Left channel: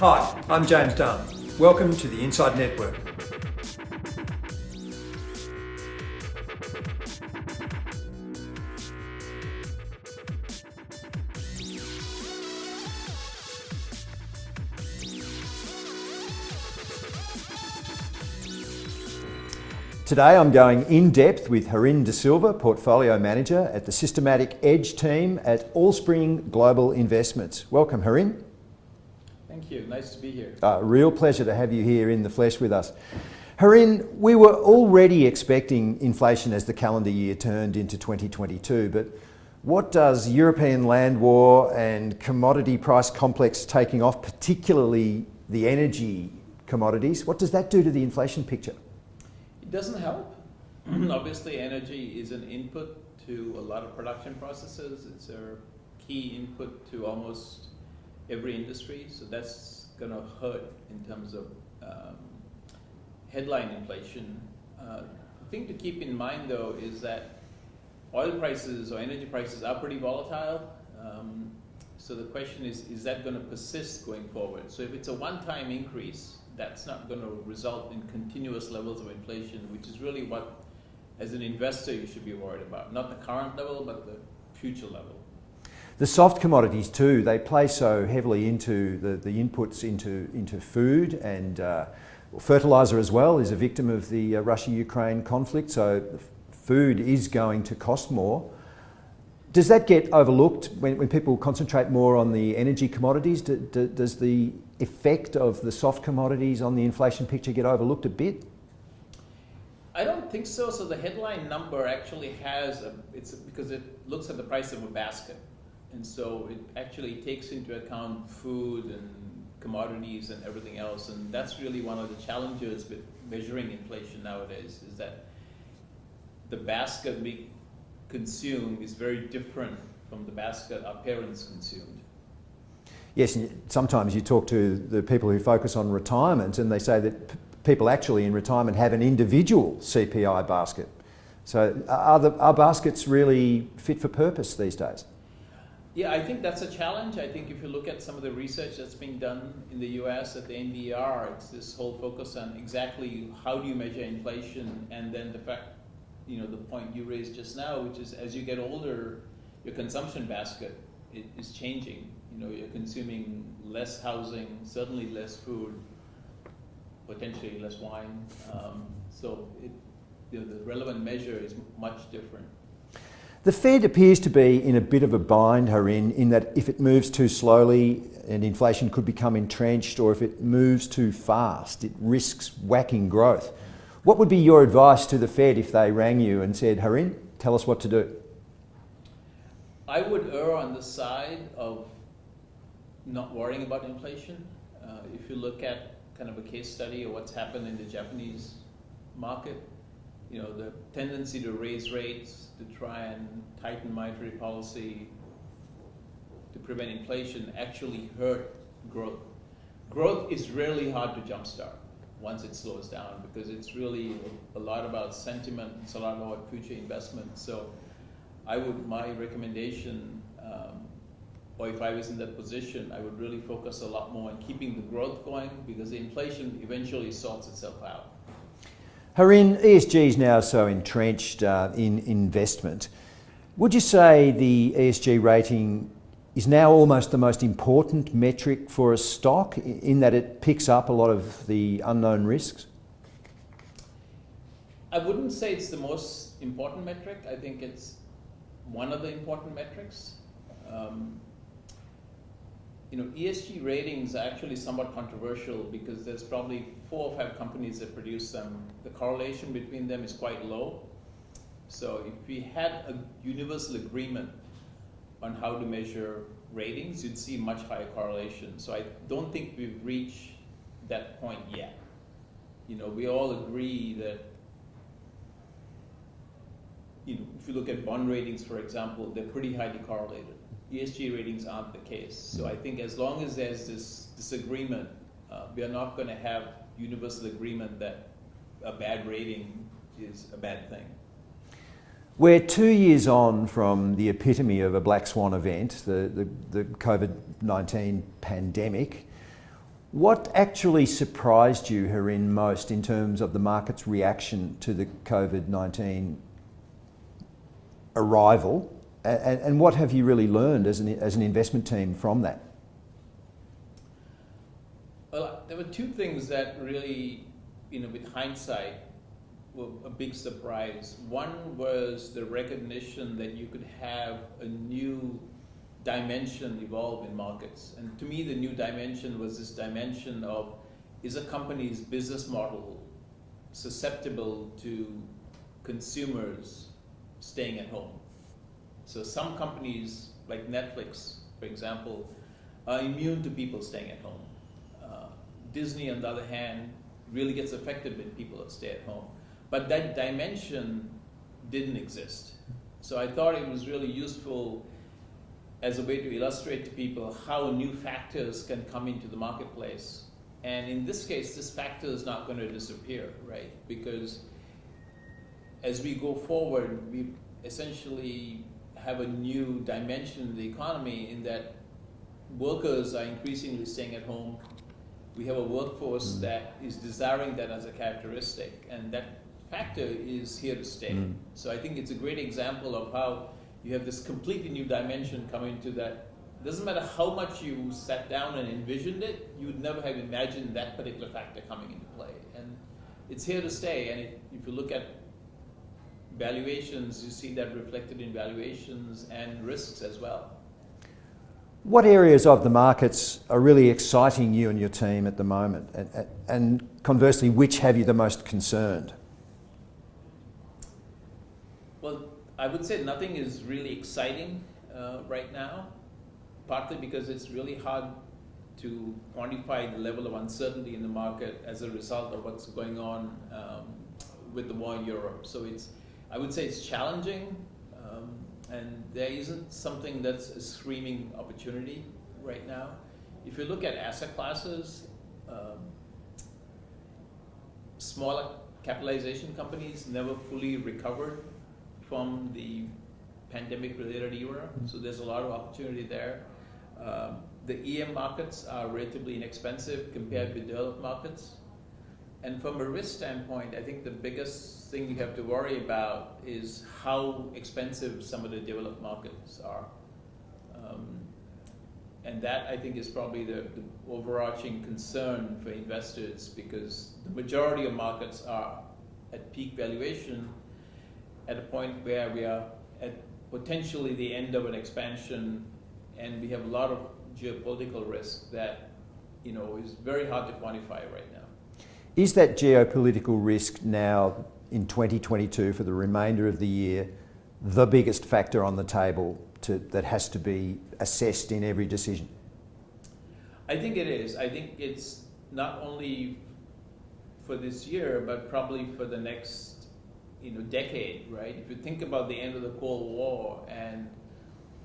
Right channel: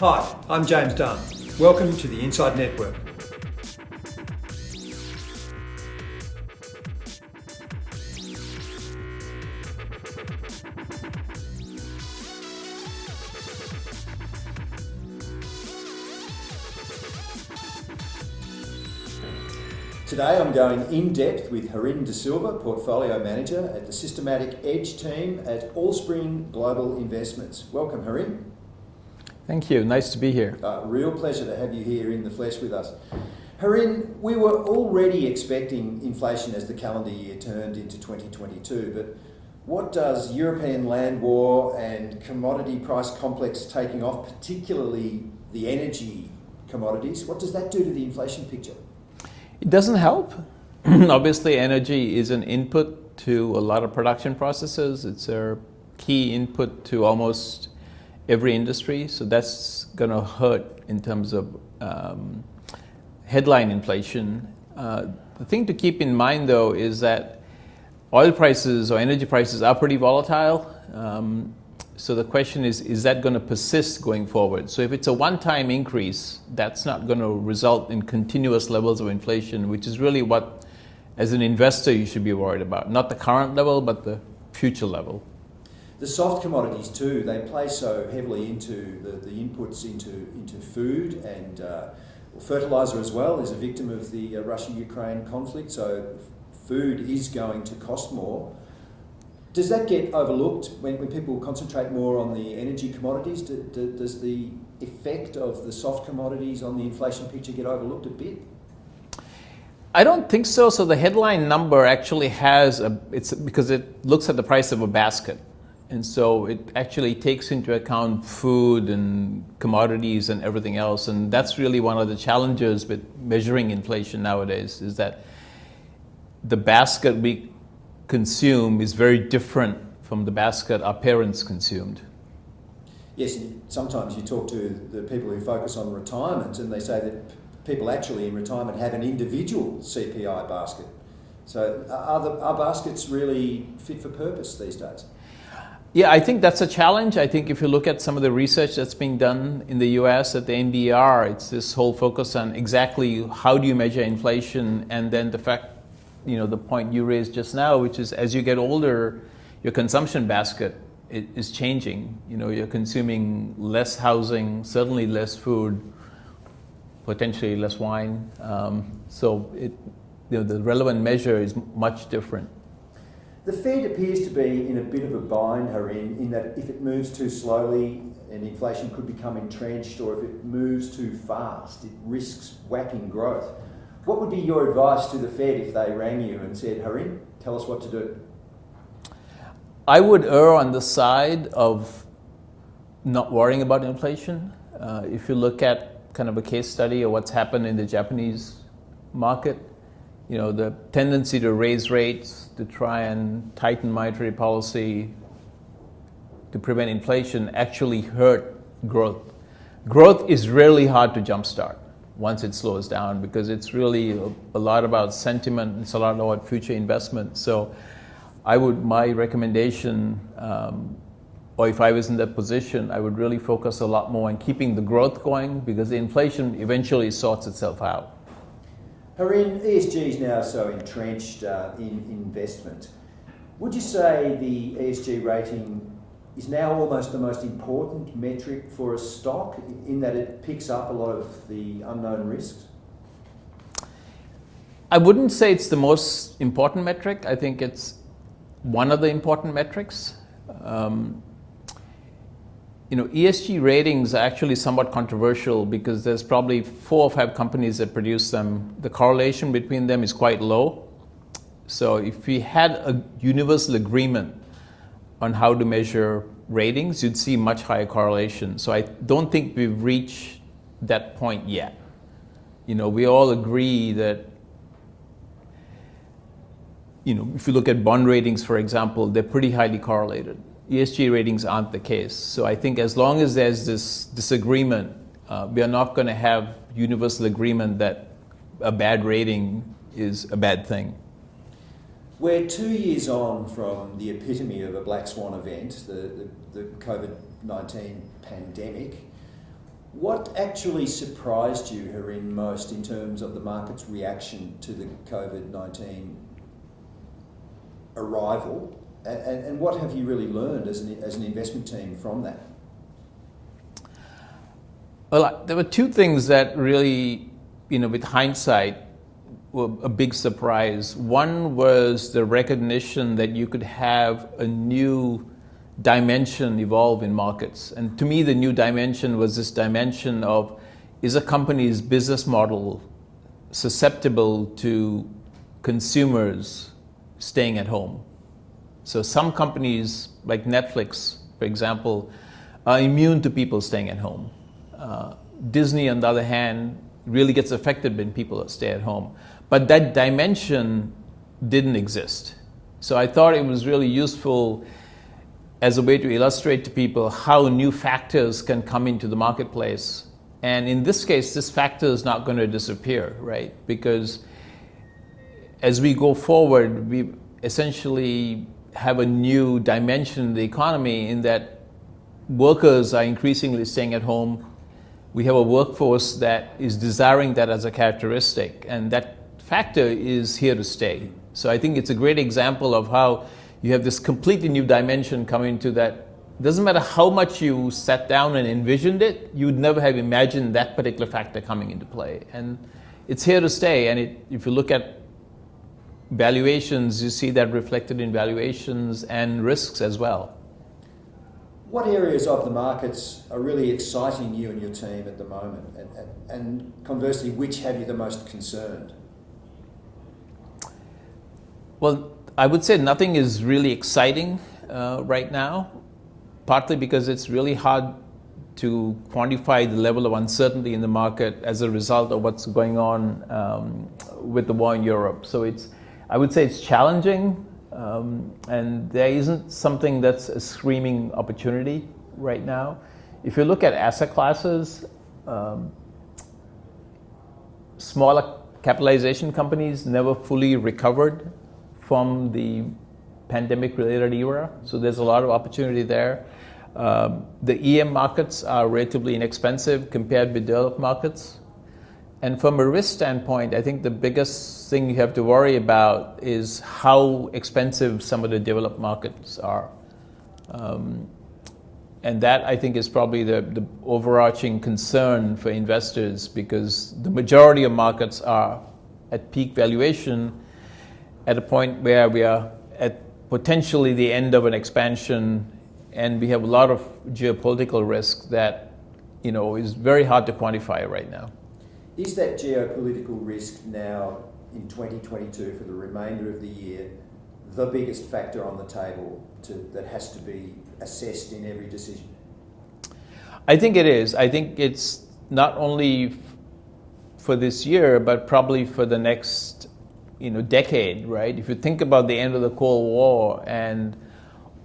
Hi, I'm James Dunn. Welcome to the Inside Network. Today I'm going in depth with Harindra de Silva, Portfolio Manager at the Systematic Edge team at Allspring Global Investments. Welcome, Harind. Thank you. Nice to be here. Real pleasure to have you here in the flesh with us. Harind, we were already expecting inflation as the calendar year turned into 2022, but what does European land war and commodity price complex taking off, particularly the energy commodities, what does that do to the inflation picture? It doesn't help. Obviously, energy is an input to a lot of production processes. It's a key input to almost every industry. So that's going to hurt in terms of headline inflation. The thing to keep in mind, though, is that oil prices or energy prices are pretty volatile. So the question is that going to persist going forward? So if it's a one-time increase, that's not going to result in continuous levels of inflation, which is really what, as an investor, you should be worried about. Not the current level, but the future level. The soft commodities too, they play so heavily into the inputs into food, and fertiliser as well is a victim of the Russia-Ukraine conflict, so food is going to cost more. Does that get overlooked when people concentrate more on the energy commodities? Does the effect of the soft commodities on the inflation picture get overlooked a bit? I don't think so. So the headline number actually it's because it looks at the price of a basket. And so it actually takes into account food and commodities and everything else. And that's really one of the challenges with measuring inflation nowadays, is that the basket we consume is very different from the basket our parents consumed. Yes, sometimes you talk to the people who focus on retirement and they say that people actually in retirement have an individual CPI basket. So are baskets really fit for purpose these days? Yeah, I think that's a challenge. I think if you look at some of the research that's being done in the US at the NBR, it's this whole focus on exactly how do you measure inflation, and then the fact, the point you raised just now, which is as you get older, your consumption basket is changing. You're consuming less housing, certainly less food, potentially less wine. So the relevant measure is much different. The Fed appears to be in a bit of a bind, Harind, in that if it moves too slowly and inflation could become entrenched, or if it moves too fast, it risks whacking growth. What would be your advice to the Fed if they rang you and said, Harind, tell us what to do? I would err on the side of not worrying about inflation. If you look at kind of a case study of what's happened in the Japanese market, the tendency to raise rates, to try and tighten monetary policy to prevent inflation actually hurt growth. Growth is really hard to jumpstart once it slows down, because it's really a lot about sentiment, it's a lot about future investment. So my recommendation, or if I was in that position, I would really focus a lot more on keeping the growth going, because the inflation eventually sorts itself out. Harind, ESG is now so entrenched in investment. Would you say the ESG rating is now almost the most important metric for a stock, in that it picks up a lot of the unknown risks? I wouldn't say it's the most important metric. I think it's one of the important metrics. ESG ratings are actually somewhat controversial because there's probably 4 or 5 companies that produce them. The correlation between them is quite low. So if we had a universal agreement on how to measure ratings, you'd see much higher correlation. So I don't think we've reached that point yet. We all agree that, if you look at bond ratings, for example, they're pretty highly correlated. ESG ratings aren't the case. So I think as long as there's this disagreement, we are not going to have universal agreement that a bad rating is a bad thing. We're 2 years on from the epitome of a black swan event, the COVID-19 pandemic. What actually surprised you, Harin, most in terms of the market's reaction to the COVID-19 arrival? And what have you really learned as an investment team from that? Well, there were two things that really, with hindsight, were a big surprise. One was the recognition that you could have a new dimension evolve in markets. And to me, the new dimension was this dimension of, is a company's business model susceptible to consumers staying at home? So some companies, like Netflix, for example, are immune to people staying at home. Disney, on the other hand, really gets affected when people stay at home. But that dimension didn't exist. So I thought it was really useful as a way to illustrate to people how new factors can come into the marketplace. And in this case, this factor is not going to disappear, right? Because as we go forward, we essentially have a new dimension in the economy in that workers are increasingly staying at home. We have a workforce that is desiring that as a characteristic, and that factor is here to stay. So I think it's a great example of how you have this completely new dimension coming to that. It doesn't matter how much you sat down and envisioned it, you would never have imagined that particular factor coming into play. And it's here to stay. And if you look at valuations, you see that reflected in valuations and risks as well. What areas of the markets are really exciting you and your team at the moment? And conversely, which have you the most concerned? Well, I would say nothing is really exciting right now, partly because it's really hard to quantify the level of uncertainty in the market as a result of what's going on with the war in Europe. So I would say it's challenging, and there isn't something that's a screaming opportunity right now. If you look at asset classes, smaller capitalization companies never fully recovered from the pandemic-related era, so there's a lot of opportunity there. The EM markets are relatively inexpensive compared with developed markets. And from a risk standpoint, I think the biggest thing you have to worry about is how expensive some of the developed markets are. And that, I think, is probably the overarching concern for investors, because the majority of markets are at peak valuation at a point where we are at potentially the end of an expansion, and we have a lot of geopolitical risk that is very hard to quantify right now. Is that geopolitical risk now in 2022 for the remainder of the year the biggest factor on the table that has to be assessed in every decision? I think it is. I think it's not only for this year, but probably for the next decade, right? If you think about the end of the Cold War and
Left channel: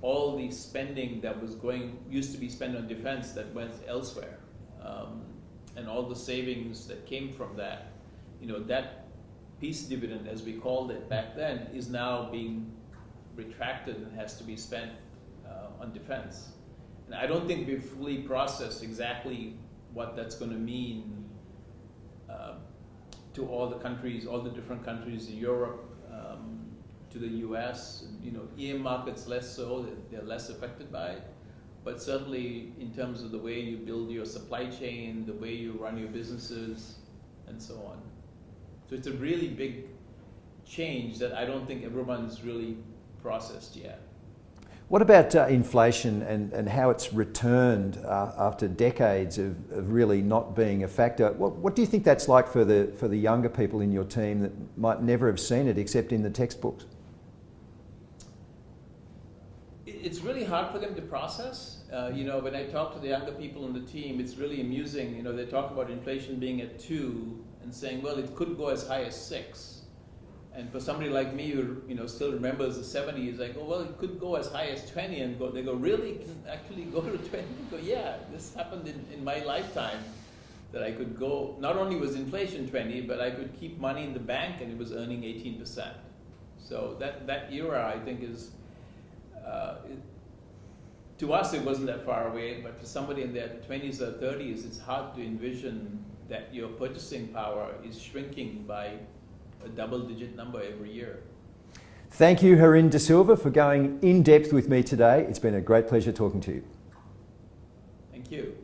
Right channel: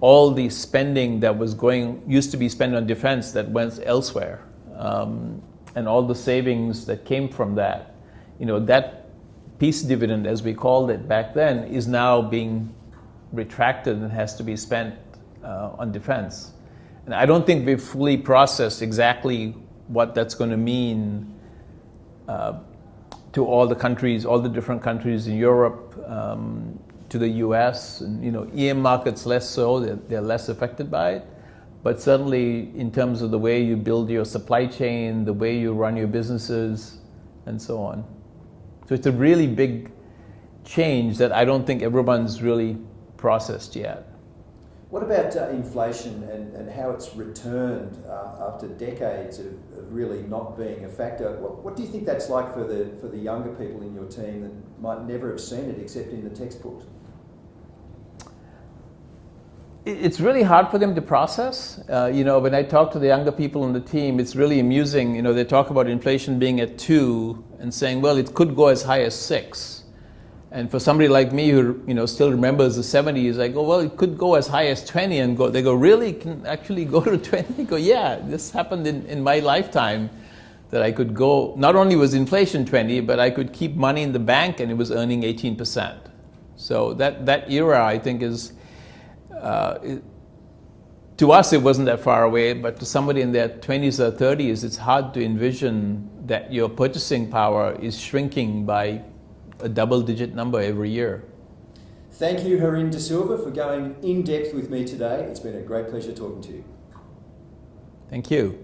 all the spending that used to be spent on defense that went elsewhere, and all the savings that came from that, that peace dividend, as we called it back then, is now being retracted and has to be spent on defense. And I don't think we've fully processed exactly what that's going to mean to all the countries, all the different countries in Europe, to the US, and EM markets less so, they're less affected by it. But certainly in terms of the way you build your supply chain, the way you run your businesses, and so on. So it's a really big change that I don't think everyone's really processed yet. What about inflation and how it's returned after decades of really not being a factor? What do you think that's like for the younger people in your team that might never have seen it except in the textbooks? It's really hard for them to process. When I talk to the younger people on the team, it's really amusing. They talk about inflation being at 2 and saying, well, it could go as high as 6. And for somebody like me who still remembers the 70s, I go, well, it could go as high as 20, and they go, really? It can actually go to 20? I go, yeah, this happened in my lifetime, that I could go, not only was inflation 20, but I could keep money in the bank and it was earning 18%. So that era, I think, is to us, it wasn't that far away, but to somebody in their 20s or 30s, it's hard to envision that your purchasing power is shrinking by a double-digit number every year. Thank you, Harindra de Silva, for going in depth with me today. It's been a great pleasure talking to you. Thank you.